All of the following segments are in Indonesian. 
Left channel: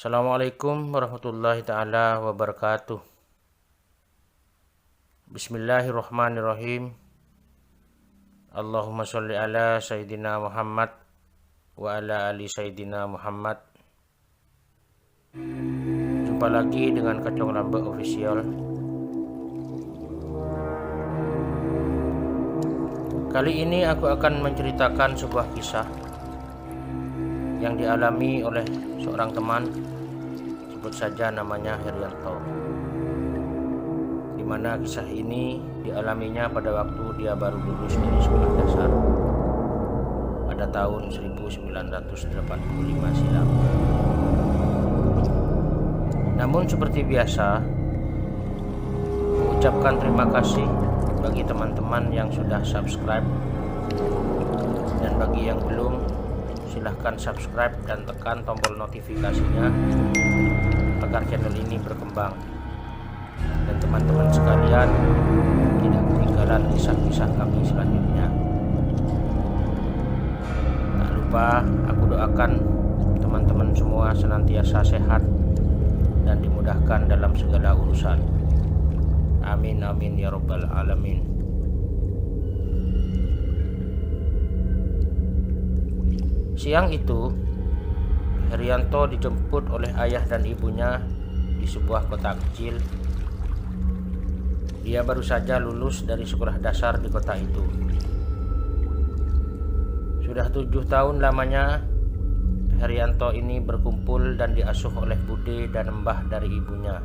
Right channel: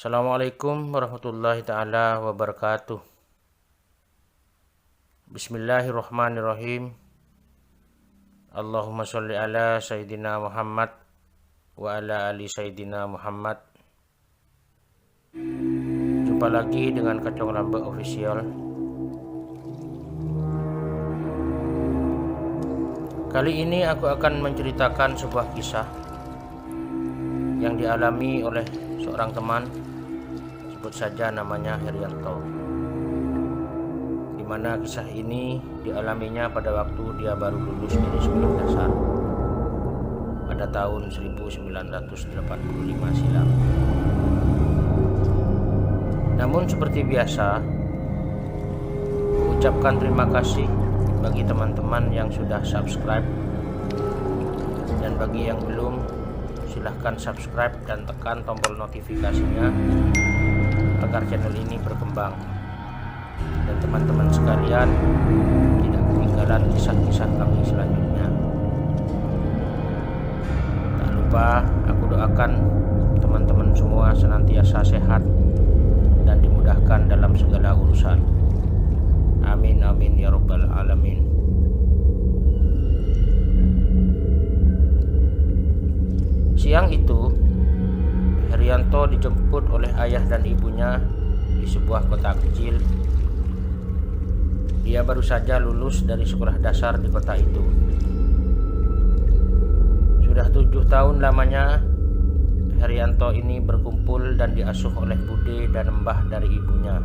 Assalamualaikum warahmatullahi ta'ala wabarakatuh. Bismillahirrahmanirrahim. Allahumma sholli ala Sayyidina Muhammad wa ala ali Sayyidina Muhammad. Jumpa lagi dengan Kacong Lambe Official. Kali ini aku akan menceritakan sebuah kisah yang dialami oleh seorang teman, sebut saja namanya Herianto, di mana kisah ini dialaminya pada waktu dia baru lulus dari sekolah dasar pada tahun 1985 silam. Namun seperti biasa, mengucapkan terima kasih bagi teman-teman yang sudah subscribe, dan bagi yang belum, silahkan subscribe dan tekan tombol notifikasinya agar channel ini berkembang dan teman-teman sekalian tidak ketinggalan kisah-kisah kami selanjutnya. Tak lupa aku doakan teman-teman semua senantiasa sehat dan dimudahkan dalam segala urusan. Amin amin ya rabbal alamin. Siang itu, Herianto dijemput oleh ayah dan ibunya di sebuah kota kecil. Dia baru saja lulus dari sekolah dasar di kota itu. Sudah 7 tahun lamanya Herianto ini berkumpul dan diasuh oleh bude dan mbah dari ibunya.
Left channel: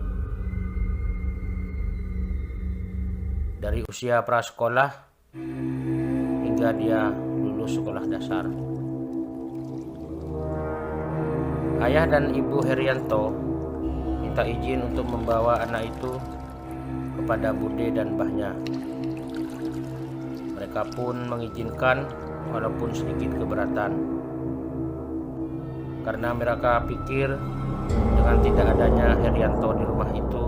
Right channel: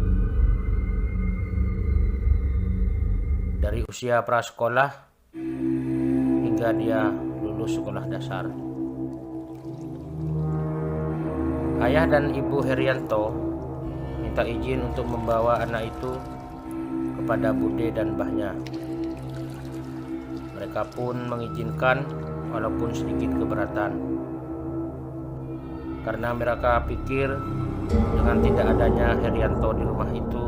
Dari usia prasekolah hingga dia lulus sekolah dasar. Ayah dan ibu Herianto minta izin untuk membawa anak itu kepada bude dan mbahnya. Mereka pun mengizinkan walaupun sedikit keberatan, karena mereka pikir dengan tidak adanya Herianto di rumah itu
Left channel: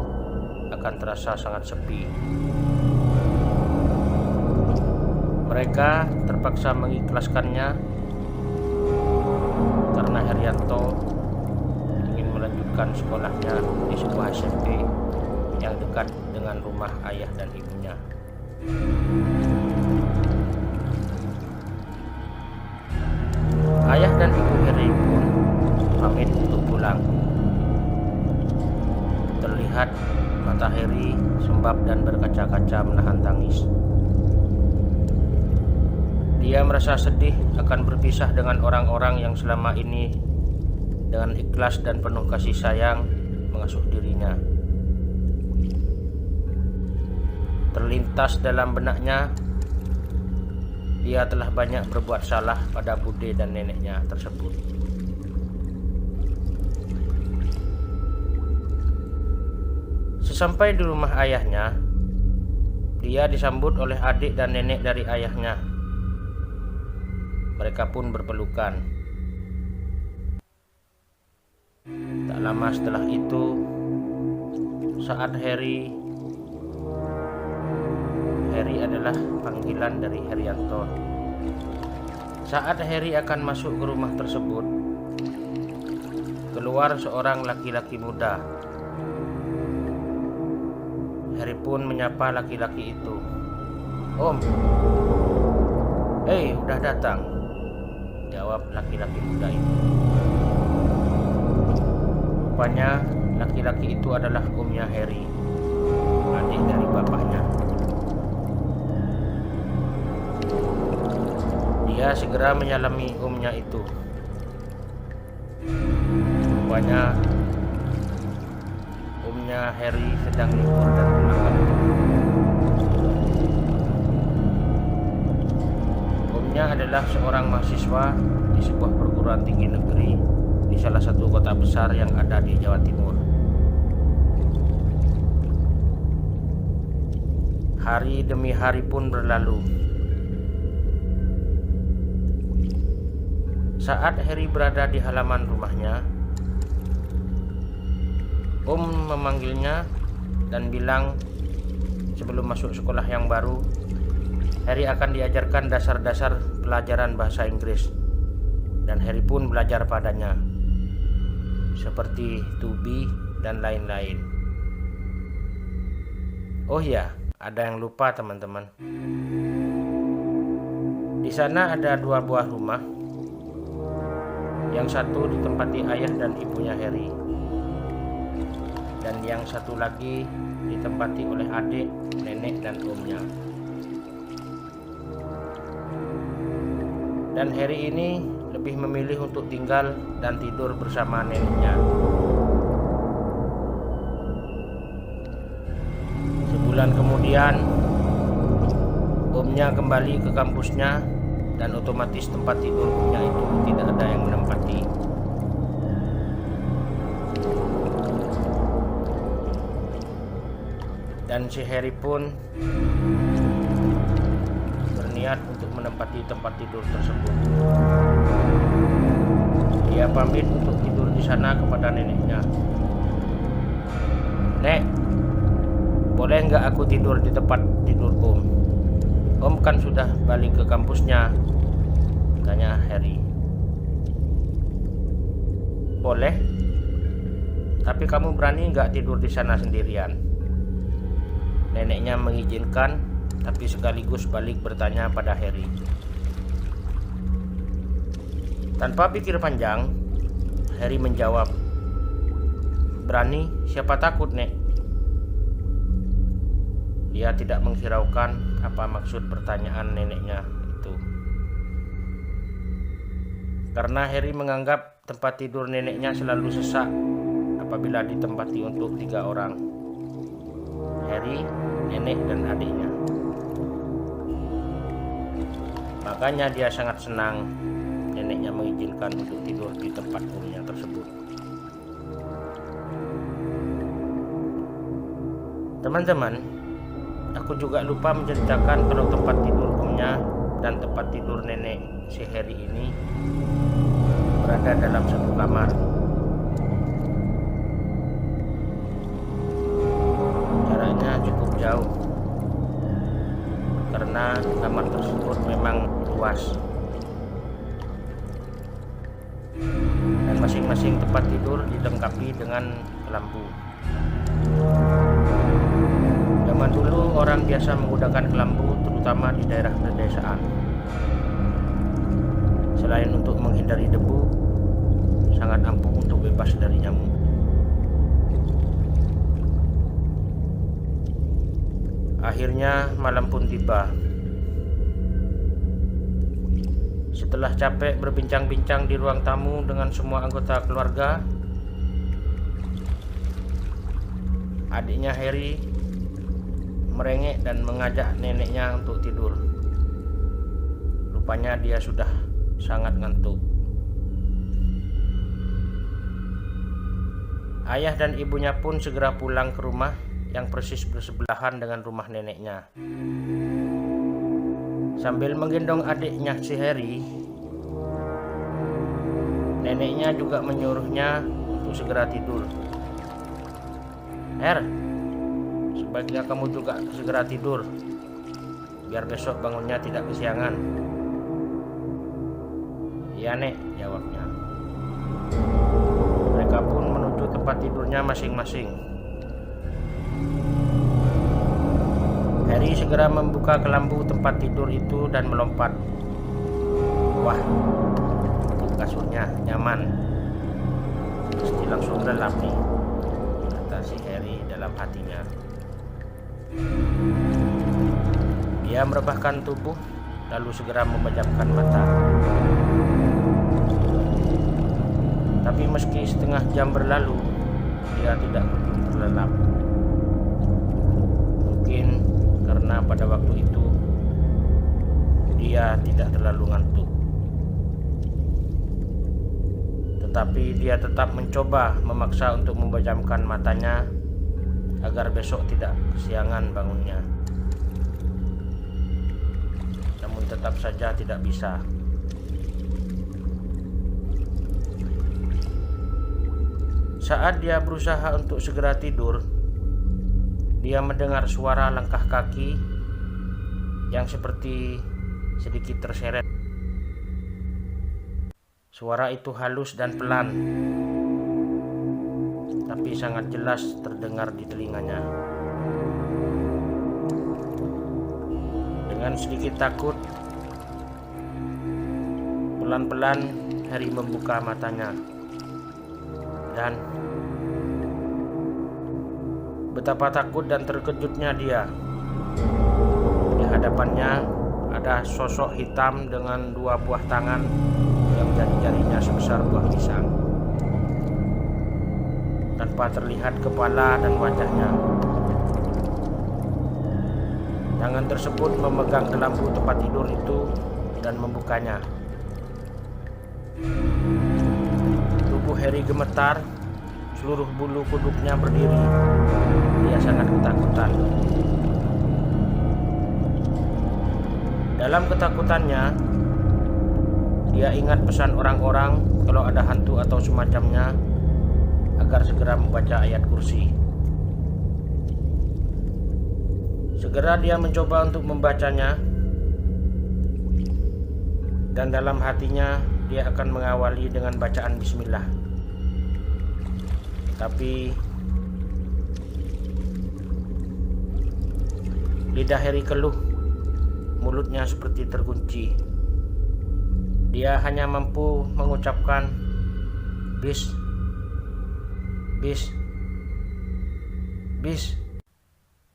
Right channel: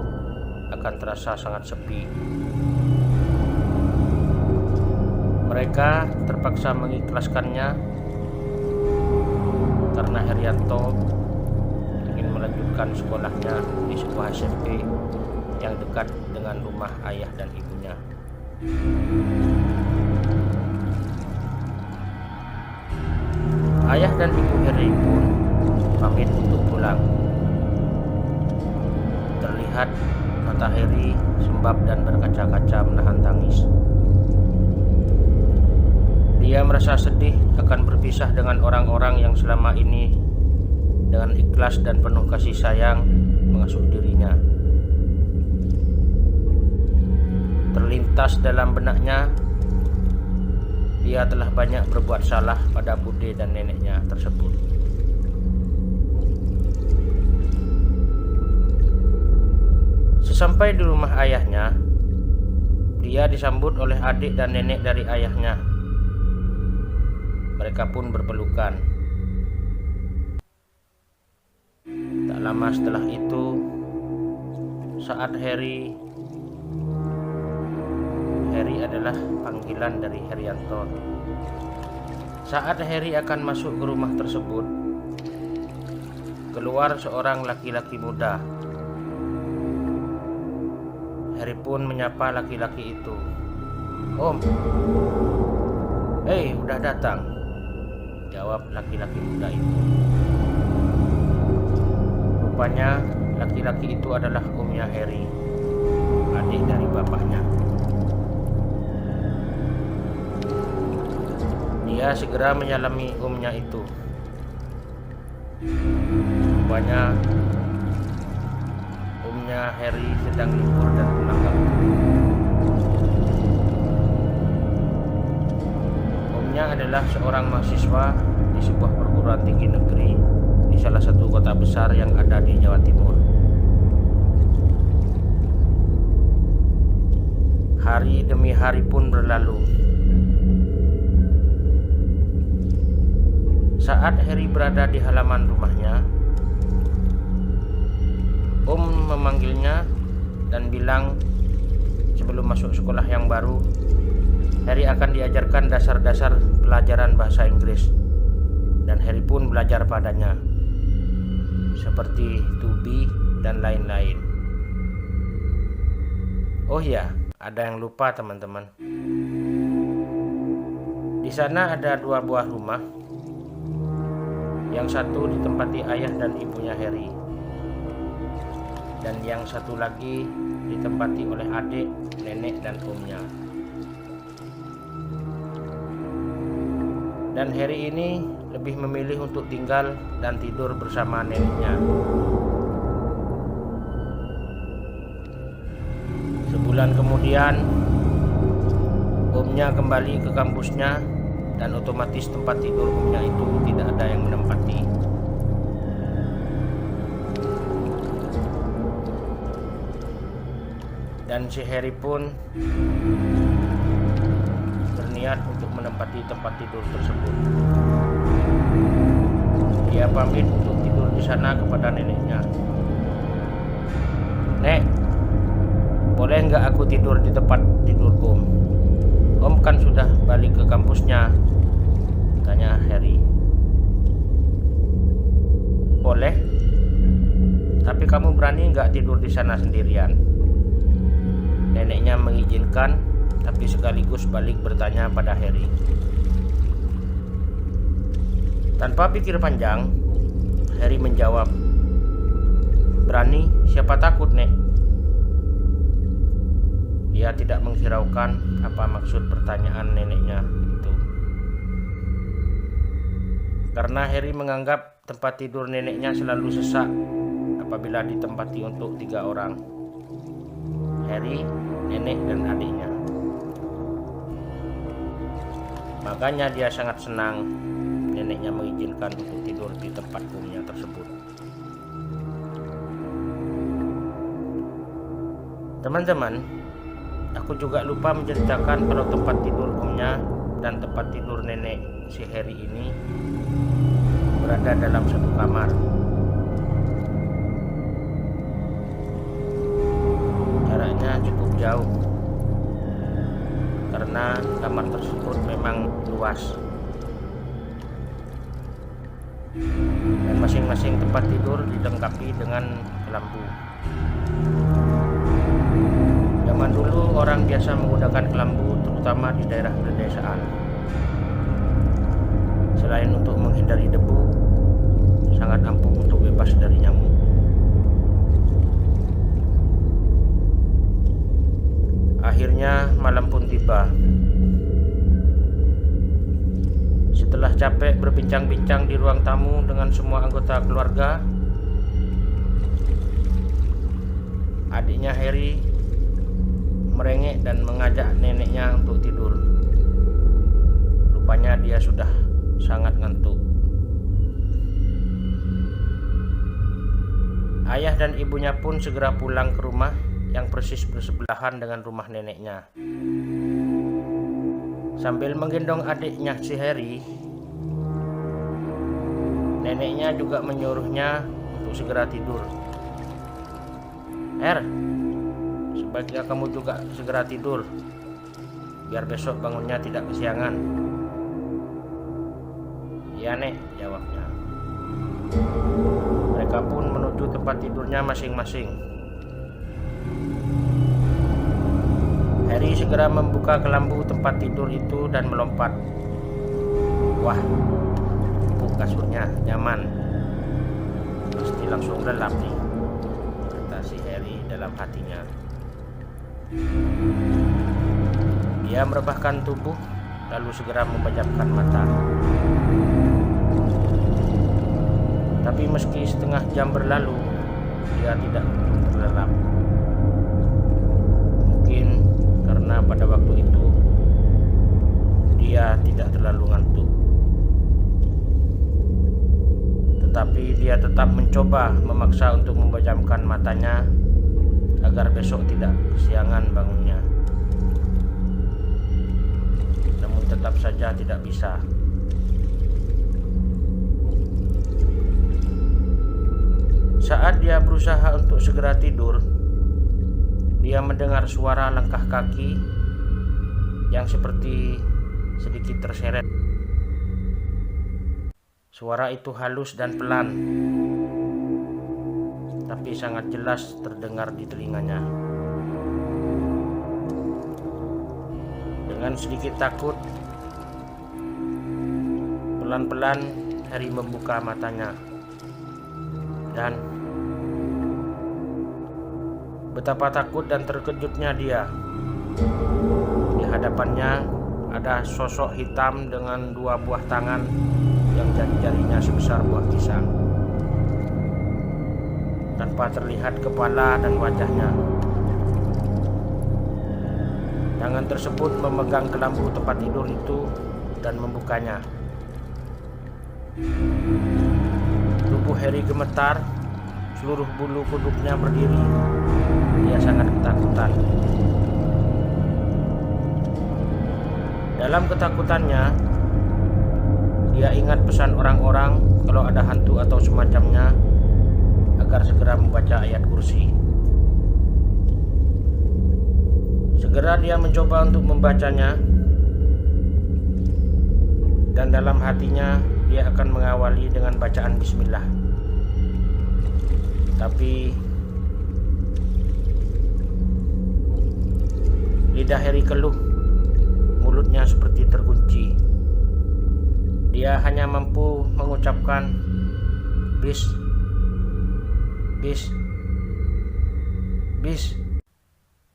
akan terasa sangat sepi. Mereka terpaksa mengikhlaskannya karena Herianto ingin melanjutkan sekolahnya di sebuah SMP yang dekat dengan rumah ayah dan ibunya. Ayah dan ibu Heri pun pamit untuk pulang. Terlihat mata Heri sembab dan berkaca-kaca menahan tangis. Dia merasa sedih akan berpisah dengan orang-orang yang selama ini dengan ikhlas dan penuh kasih sayang mengasuh dirinya. Terlintas dalam benaknya, dia telah banyak berbuat salah pada bude dan neneknya tersebut. Sesampai di rumah ayahnya, dia disambut oleh adik dan nenek dari ayahnya. Mereka pun berpelukan. Tak lama setelah itu, saat Heri adalah panggilan dari Herianto. Saat Heri akan masuk ke rumah tersebut, keluar seorang laki-laki muda. Heri pun menyapa laki-laki itu. "Om." "Hei, udah datang," jawab laki-laki muda itu. Rupanya laki-laki itu adalah omnya Heri, adik dari bapaknya. Dia segera menyalami omnya itu. Rupanya omnya Heri sedang libur dan pulang kampung. Omnya adalah seorang mahasiswa di sebuah perguruan tinggi negeri di salah satu kota besar yang ada di Jawa Timur. Hari demi hari pun berlalu. Saat Heri berada di halaman rumahnya, Om memanggilnya dan bilang sebelum masuk sekolah yang baru, Heri akan diajarkan dasar-dasar pelajaran bahasa Inggris, dan Heri pun belajar padanya. seperti tubi dan lain-lain. Oh ya, ada yang lupa teman-teman. Di sana ada 2 buah rumah. Yang satu ditempati ayah dan ibunya Harry, dan yang satu lagi ditempati oleh adik, nenek, dan omnya. Dan Harry ini lebih memilih untuk tinggal dan tidur bersama neneknya. Sebulan kemudian, omnya kembali ke kampusnya, dan otomatis tempat tidur omnya itu tidak ada yang menempati. Dan si Harry pun berniat untuk menempati tempat tidur tersebut. Dia pamit untuk tidur di sana kepada neneknya. "Nek, boleh nggak aku tidur di tempat tidur Om? Om kan sudah balik ke kampusnya," tanya Harry. "Boleh, tapi kamu berani nggak tidur di sana sendirian?" Neneknya mengizinkan, tapi sekaligus balik bertanya pada Harry. Tanpa pikir panjang, Harry menjawab, "Berani, siapa takut, Nek?" Dia tidak menghiraukan apa maksud pertanyaan neneknya itu. Karena Harry menganggap tempat tidur neneknya selalu sesak apabila ditempati untuk 3 orang. Harry, nenek, dan adiknya. Makanya dia sangat senang neneknya mengizinkan untuk tidur di tempat omnya tersebut. Teman-teman, aku juga lupa menceritakan kalau tempat tidur omnya dan tempat tidur nenek si Harry ini berada dalam satu kamar. Jaraknya cukup jauh karena kamar tersebut memang luas, dan masing-masing tempat tidur dilengkapi dengan kelambu. Zaman dulu orang biasa menggunakan kelambu terutama di daerah pedesaan. Selain untuk menghindari debu, sangat ampuh untuk bebas dari nyamuk. Akhirnya malam pun tiba. Setelah capek berbincang-bincang di ruang tamu dengan semua anggota keluarga, adiknya Harry merengek dan mengajak neneknya untuk tidur. Rupanya dia sudah sangat ngantuk. Ayah dan ibunya pun segera pulang ke rumah yang persis bersebelahan dengan rumah neneknya. Sambil menggendong adiknya si Harry, neneknya juga menyuruhnya untuk segera tidur. Sebaiknya kamu juga segera tidur, biar besok bangunnya tidak kesiangan." "Iya, Nek," jawabnya. Mereka pun menuju tempat tidurnya masing-masing. Harry segera membuka kelambu tempat tidur itu dan melompat. "Wah, empuk kasurnya, nyaman. Pasti langsung lelap nih," kata si Harry dalam hatinya. Dia merebahkan tubuh, lalu segera memejamkan mata. Tapi meski setengah jam berlalu, dia tidak kunjung terlelap. Mungkin karena pada waktu itu dia tidak terlalu ngantuk. Tetapi dia tetap mencoba memaksa untuk memejamkan matanya agar besok tidak kesiangan bangunnya. Namun tetap saja tidak bisa. Saat dia berusaha untuk segera tidur, dia mendengar suara langkah kaki yang seperti sedikit terseret. Suara itu halus dan pelan, tapi sangat jelas terdengar di telinganya. Dengan sedikit takut, pelan-pelan Harry membuka matanya, dan betapa takut dan terkejutnya dia. Di hadapannya ada sosok hitam dengan 2 buah tangan yang jari-jarinya sebesar buah pisang, tanpa terlihat kepala dan wajahnya. Tangan tersebut memegang kelambu tempat tidur itu dan membukanya. Tubuh Harry gemetar, seluruh bulu kuduknya berdiri. Dia sangat ketakutan. Dalam ketakutannya, dia ingat pesan orang-orang kalau ada hantu atau semacamnya agar segera membaca ayat kursi. Segera dia mencoba untuk membacanya, dan dalam hatinya dia akan mengawali dengan bacaan bismillah. Tapi lidah Harry keluh, mulutnya seperti terkunci. Dia hanya mampu mengucapkan bis, bis, bis,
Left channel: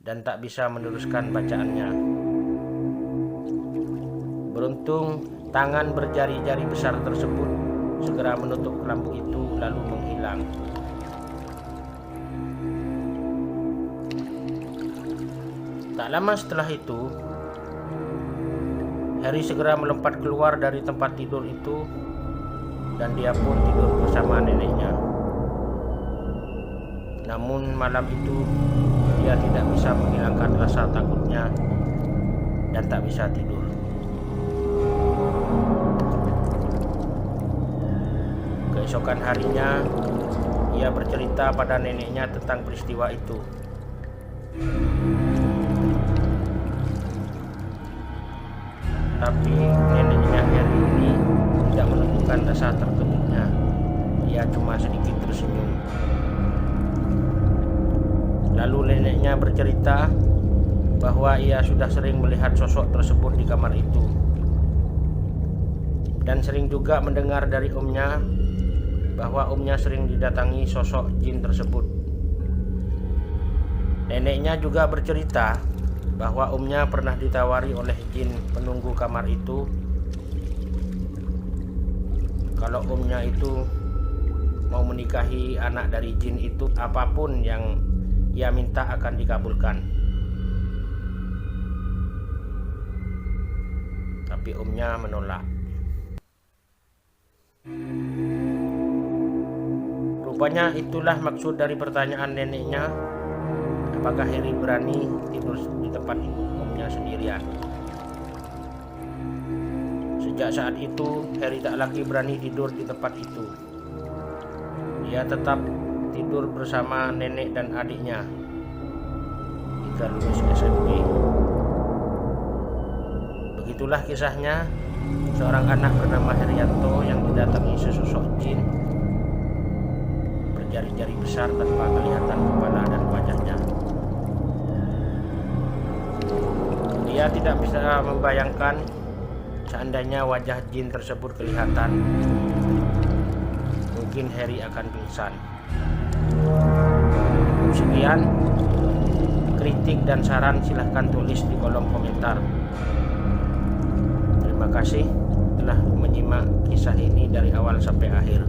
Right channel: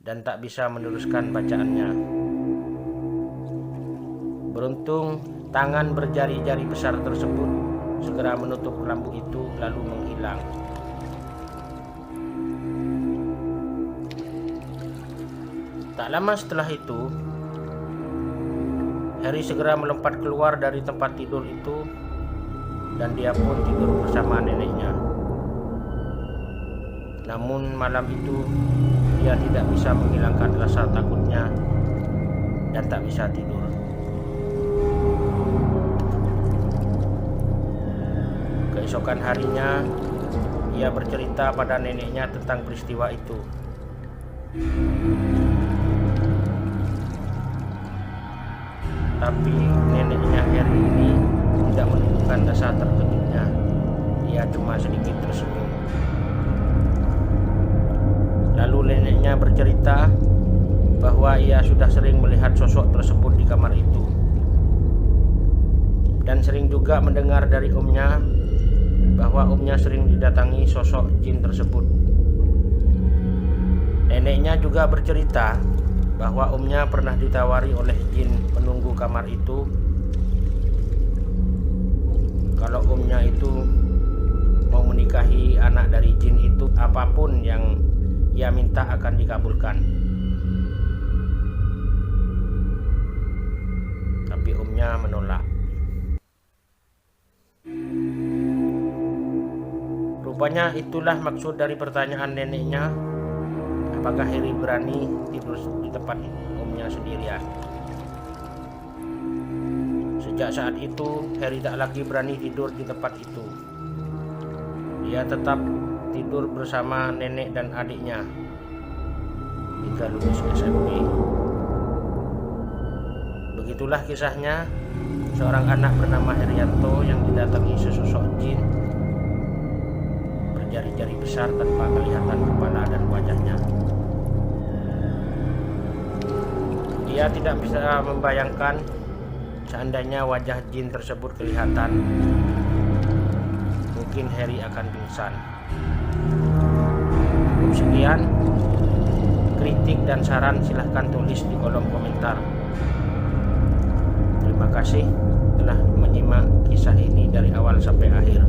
dan tak bisa meneruskan bacaannya. Beruntung tangan berjari-jari besar tersebut segera menutup kelambu itu lalu menghilang. Tak lama setelah itu, Harry segera melompat keluar dari tempat tidur itu, dan dia pun tidur bersama neneknya. Namun malam itu dia tidak bisa menghilangkan rasa takutnya dan tak bisa tidur. Keesokan harinya, ia bercerita pada neneknya tentang peristiwa itu. Tapi neneknya Harry ini tidak menunjukkan rasa terkejutnya. Dia cuma sedikit tersenyum. Lalu neneknya bercerita bahwa ia sudah sering melihat sosok tersebut di kamar itu, dan sering juga mendengar dari omnya bahwa omnya sering didatangi sosok jin tersebut. Neneknya juga bercerita bahwa omnya pernah ditawari oleh jin penunggu kamar itu kalau omnya itu mau menikahi anak dari jin itu, apapun yang ia minta akan dikabulkan. Tapi omnya menolak. Rupanya itulah maksud dari pertanyaan neneknya, apakah Harry berani tidur di tempat omnya sendirian. Sejak saat itu, Harry tak lagi berani tidur di tempat itu. Dia tetap tidur bersama nenek dan adiknya hingga lulus SMP. Begitulah kisahnya seorang anak bernama Herianto yang didatangi sesosok jin berjari-jari besar tanpa kelihatan kepala dan wajahnya. Dia tidak bisa membayangkan seandainya wajah jin tersebut kelihatan, mungkin Harry akan pingsan. Sekian, kritik dan saran silahkan tulis di kolom komentar. Terima kasih telah menyimak kisah ini dari awal sampai akhir.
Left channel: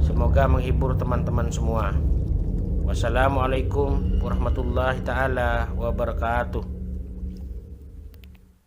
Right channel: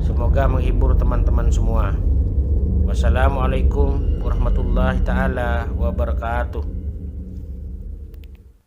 Semoga menghibur teman-teman semua. Wassalamualaikum warahmatullahi taala wabarakatuh.